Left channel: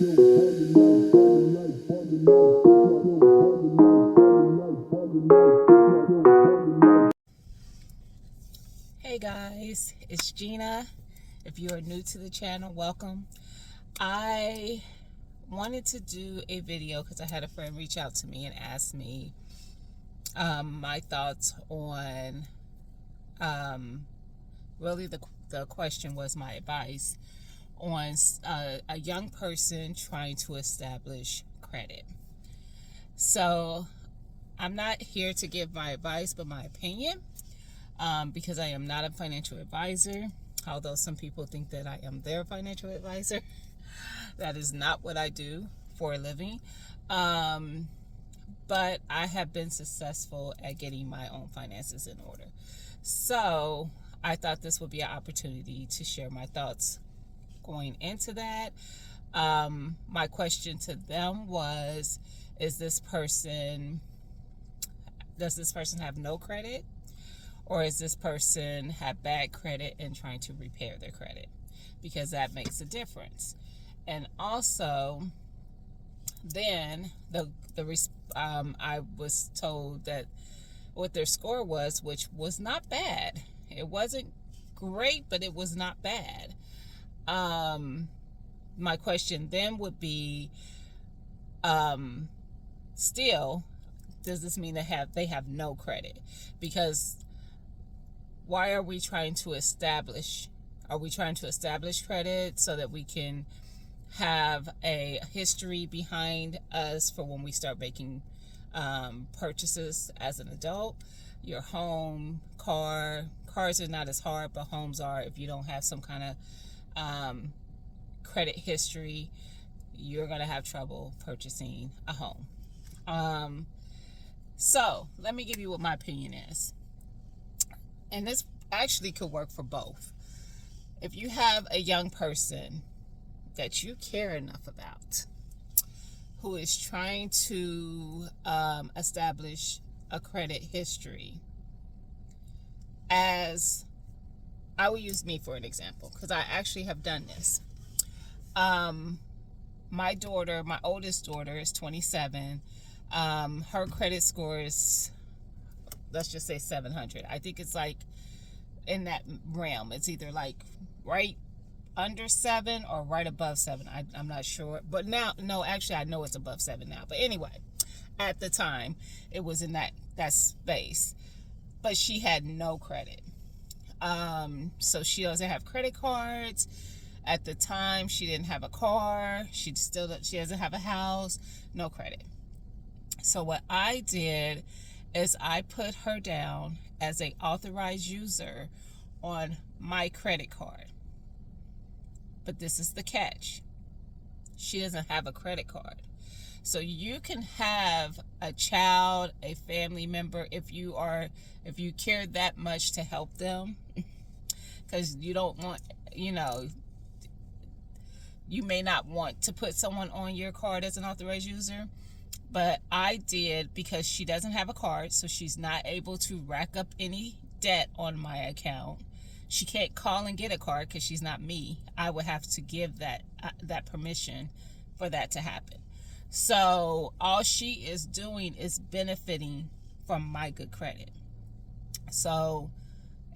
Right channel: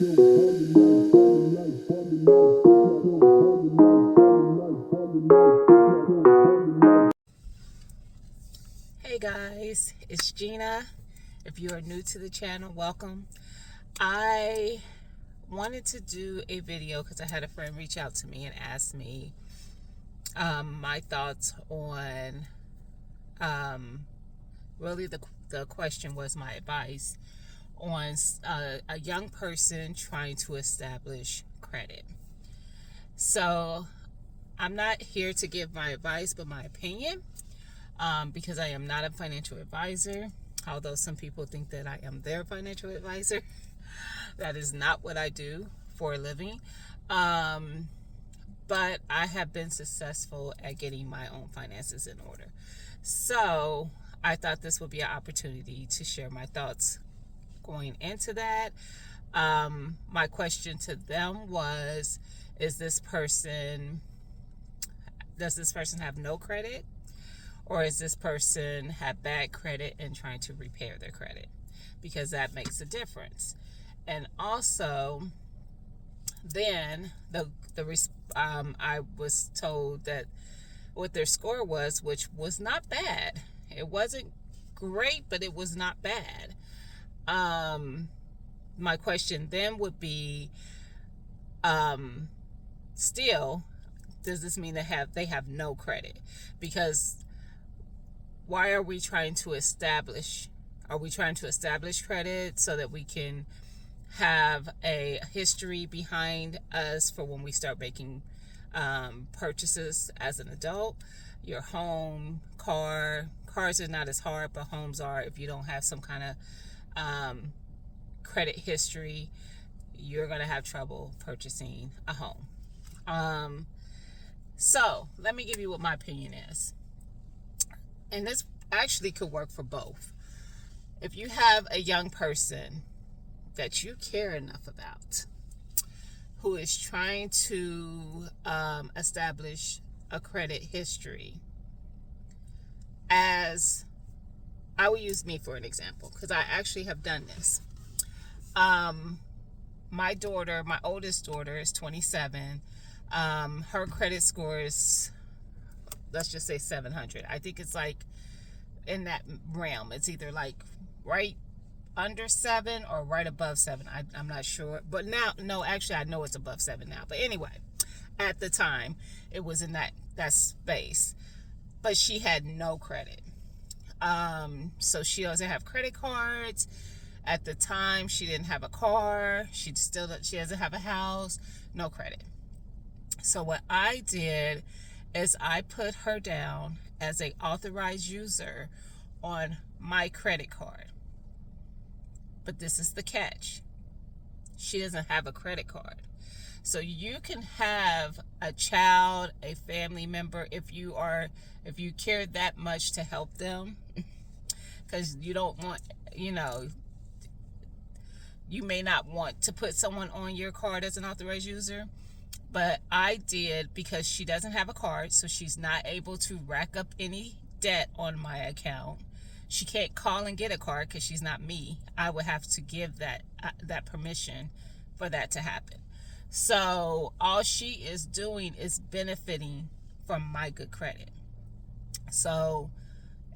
Hey guys, it's Gina. If you are new to the channel, welcome. I wanted to do a video because I had a friend reach out to me and ask me my thoughts on, really the question was my advice on a young person trying to establish credit. So I'm not here to give my advice, but my opinion. Because I am not a financial advisor, although some people think that I am their financial advisor. That is not what I do for a living. But I have been successful at getting my own finances in order. So I thought this would be an opportunity to share my thoughts going into that. My question to them was, does this person have no credit? Or is this person have bad credit and trying to repair their credit? Because that makes a difference. And also, then I was told that what their score was, which was not bad. It wasn't great, but it was not bad. My question then would be, still, does this mean they have no credit? Because why are we trying to establish? Are we trying to establish credit so that we can have a history behind us for when we start making purchases as an adult? Your home, cars are not as hard, but homes are. If you don't have some kind of credit history, you're going to have trouble purchasing a home. So let me give you what my opinion is. And this actually could work for both. If you have a young person that you care enough about who is trying to establish a credit history, as I will use me for an example, because I actually have done this. My oldest daughter is 27. Her credit score is, let's just say 700. I think it's like in that realm. It's either like right under 7 or right above 7. I'm not sure. But now, no, actually I know it's above 7 now. But anyway, at the time, it was in that space. But she had no credit. So she doesn't have credit cards. At the time, she didn't have a car. She doesn't have a house. No credit. So what I did is I put her down as an authorized user on my credit card. But this is the catch. She doesn't have a credit card. So you can have a child, a family member, if you care that much to help them, because you don't want, you may not want to put someone on your card as an authorized user. But I did, because she doesn't have a card, so she's not able to rack up any debt on my account. She can't call and get a card because she's not me. I would have to give that permission for that to happen. So all she is doing is benefiting from my good credit. So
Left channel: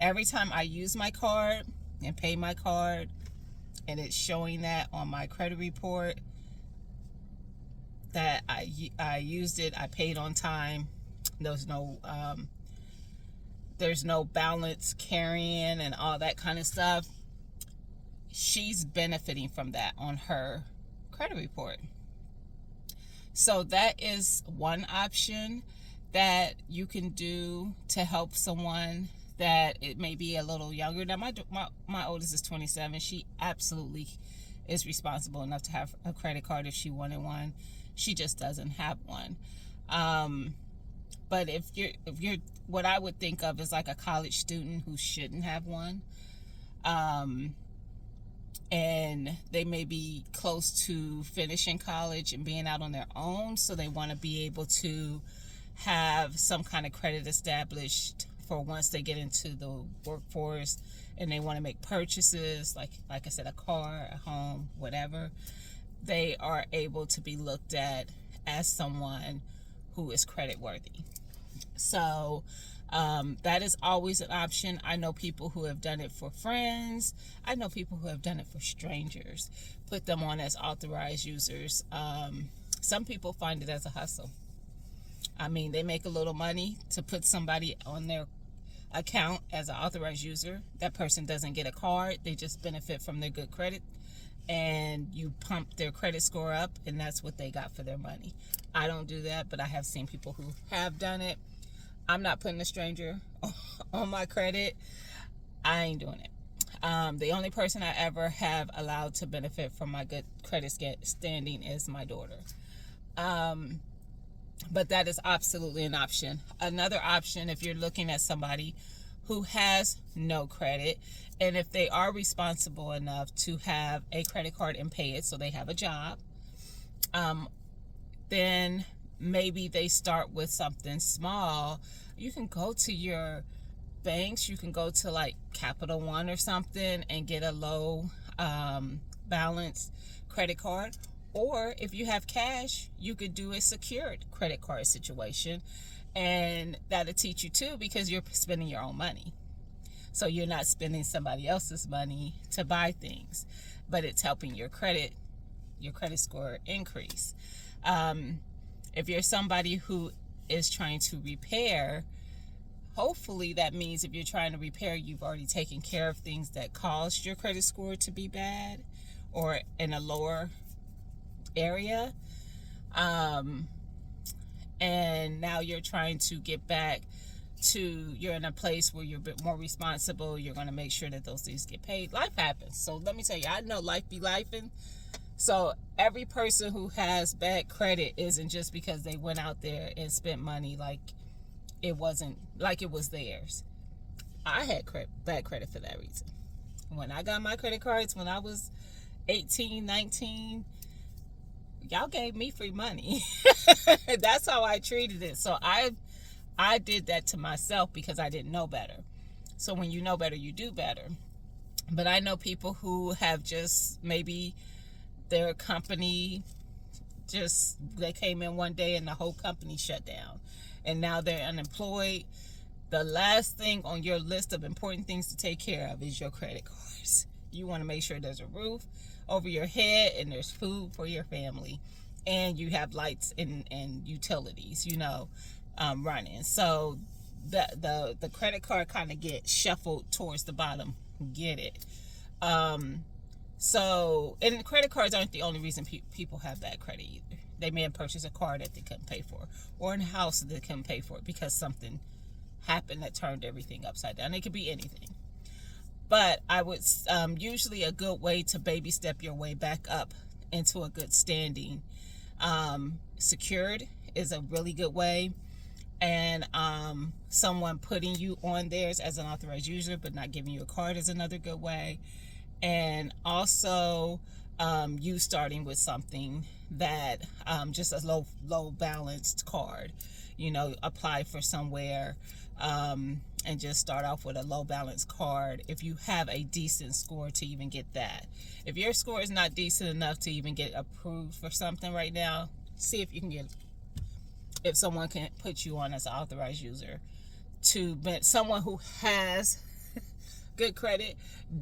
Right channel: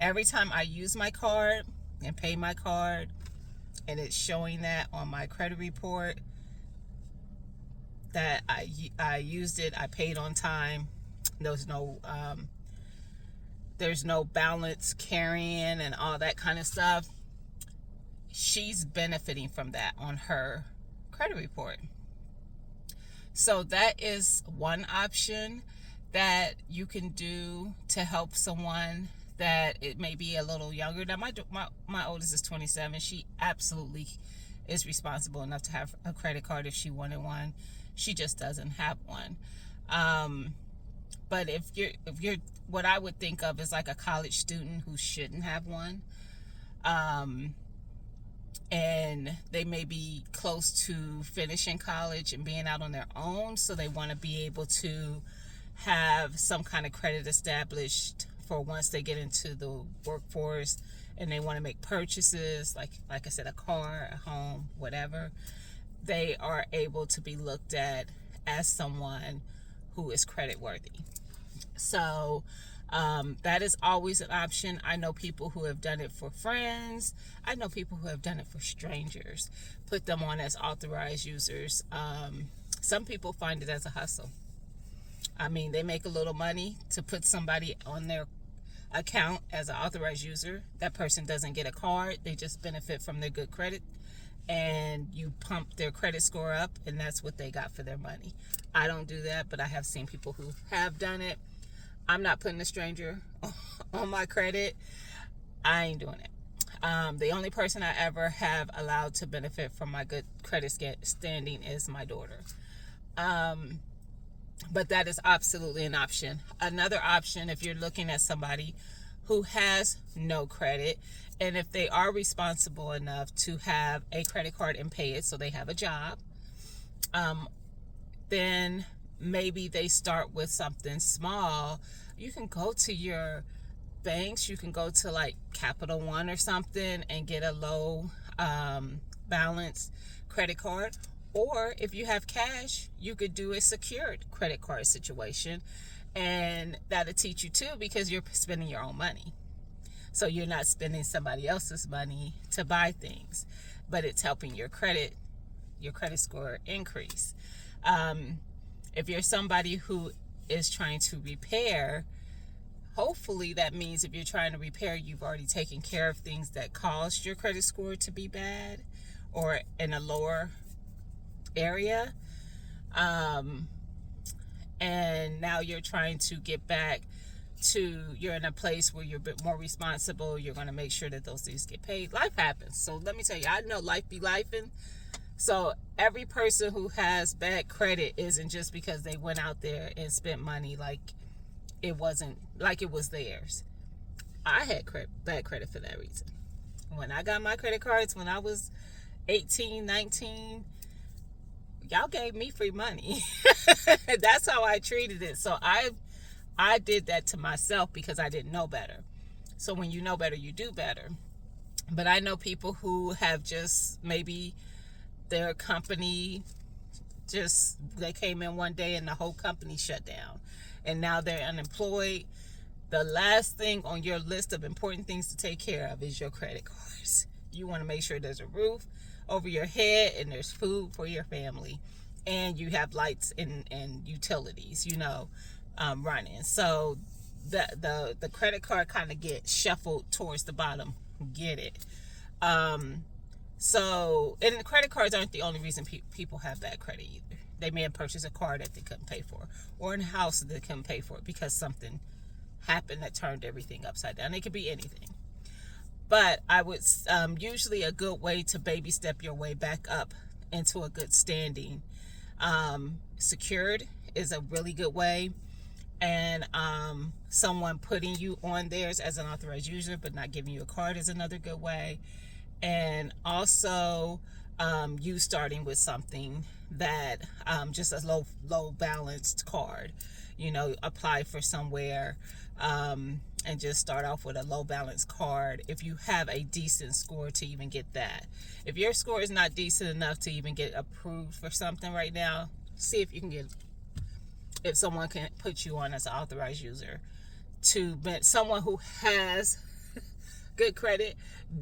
every time I use my card and pay my card, and it's showing that on my credit report, that I used it, I paid on time. There's no balance carrying and all that kind of stuff. She's benefiting from that on her credit report. So that is one option that you can do to help someone that it may be a little younger. Now my oldest is 27. She absolutely is responsible enough to have a credit card if she wanted one. She just doesn't have one. But if you're what I would think of as like a college student who shouldn't have one, and they may be close to finishing college and being out on their own, so they want to be able to have some kind of credit established for once they get into the workforce and they want to make purchases, like I said, a car, a home, whatever, they are able to be looked at as someone who is credit worthy. So that is always an option. I know people who have done it for friends. I know people who have done it for strangers, put them on as authorized users. Some people find it as a hustle. I mean, they make a little money to put somebody on their account as an authorized user. That person doesn't get a card. They just benefit from their good credit, and you pump their credit score up, and that's what they got for their money. I don't do that, but I have seen people who have done it. I'm not putting a stranger on my credit. I ain't doing it. The only person I ever have allowed to benefit from my good credit standing is my daughter. But that is absolutely an option. Another option, if you're looking at somebody who has no credit, and if they are responsible enough to have a credit card and pay it, so they have a job, then maybe they start with something small. You can go to your banks. You can go to like Capital One or something and get a low balance credit card. Or if you have cash, you could do a secured credit card situation, and that'll teach you too, because you're spending your own money. So you're not spending somebody else's money to buy things, but it's helping your credit score increase. If you're somebody who is trying to repair, hopefully that means if you're trying to repair, you've already taken care of things that caused your credit score to be bad or in a lower area, and now you're trying to get back to, you're in a place where you're a bit more responsible. You're going to make sure that those things get paid. Life happens. So let me tell you, I know life be lifing. So every person who has bad credit isn't just because they went out there and spent money like it wasn't, like it was theirs. I had bad credit for that reason. When I got my credit cards when I was 18, 19, y'all gave me free money. That's how I treated it. So I did that to myself because I didn't know better. So when you know better, you do better. But I know people who have just, maybe their company they came in one day and the whole company shut down, and now they're unemployed. The last thing on your list of important things to take care of is your credit cards. You want to make sure there's a roof over your head and there's food for your family, and you have lights and utilities, running. So the credit card kind of gets shuffled towards the bottom. Get it? So, and the credit cards aren't the only reason people have bad credit either. They may have purchased a car that they couldn't pay for, or a house that they couldn't pay for because something happened that turned everything upside down. It could be anything. But I would usually a good way to baby step your way back up into a good standing. Secured is a really good way. And someone putting you on theirs as an authorized user but not giving you a card is another good way. And also you starting with something that just a low balanced card. Apply for somewhere and just start off with a low balance card if you have a decent score to even get that. If your score is not decent enough to even get approved for something right now, see if you can if someone can put you on as an authorized user. Someone who has good credit,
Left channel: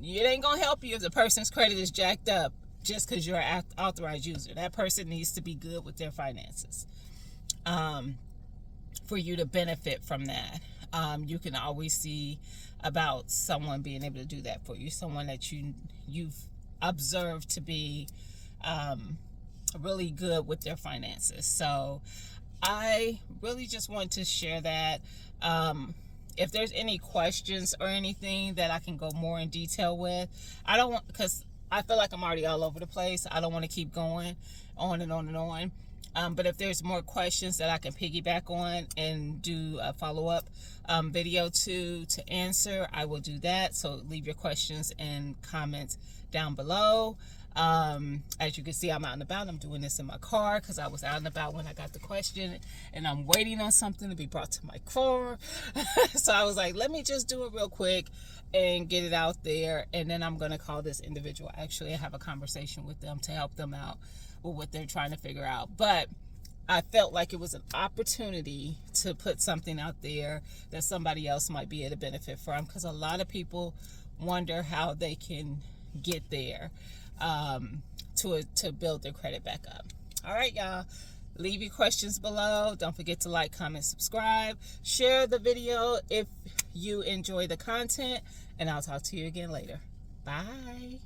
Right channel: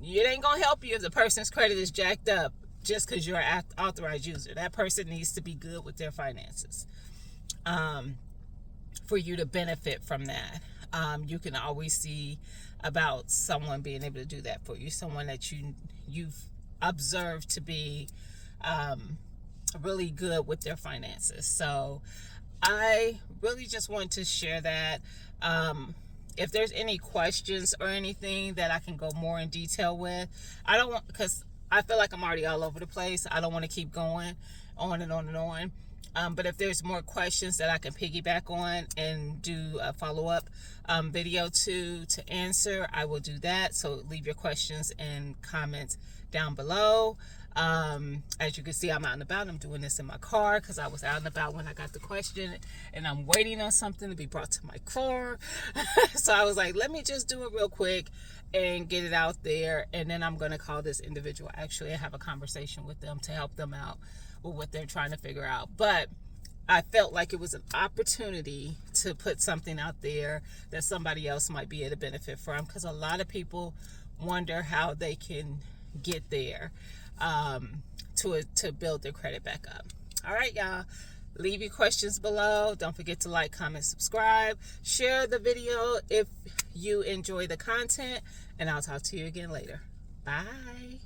it ain't gonna help you if the person's credit is jacked up just because you're an authorized user. That person needs to be good with their finances for you to benefit from that. You can always see about someone being able to do that for you, someone that you've observed to be really good with their finances. So I really just want to share that. If there's any questions or anything that I can go more in detail with, because I feel like I'm already all over the place. I don't want to keep going on and on and on. But if there's more questions that I can piggyback on and do a follow-up video to answer, I will do that. So leave your questions and comments down below. As you can see, I'm out and about. I'm doing this in my car because I was out and about when I got the question, and I'm waiting on something to be brought to my car. So I was like, let me just do it real quick and get it out there, and then I'm going to call this individual actually and have a conversation with them to help them out with what they're trying to figure out. But I felt like it was an opportunity to put something out there that somebody else might be able to benefit from, because a lot of people wonder how they can get there to build their credit back up. All right, y'all. Leave your questions below. Don't forget to like, comment, subscribe. Share the video if you enjoy the content. And I'll talk to you again later. Bye.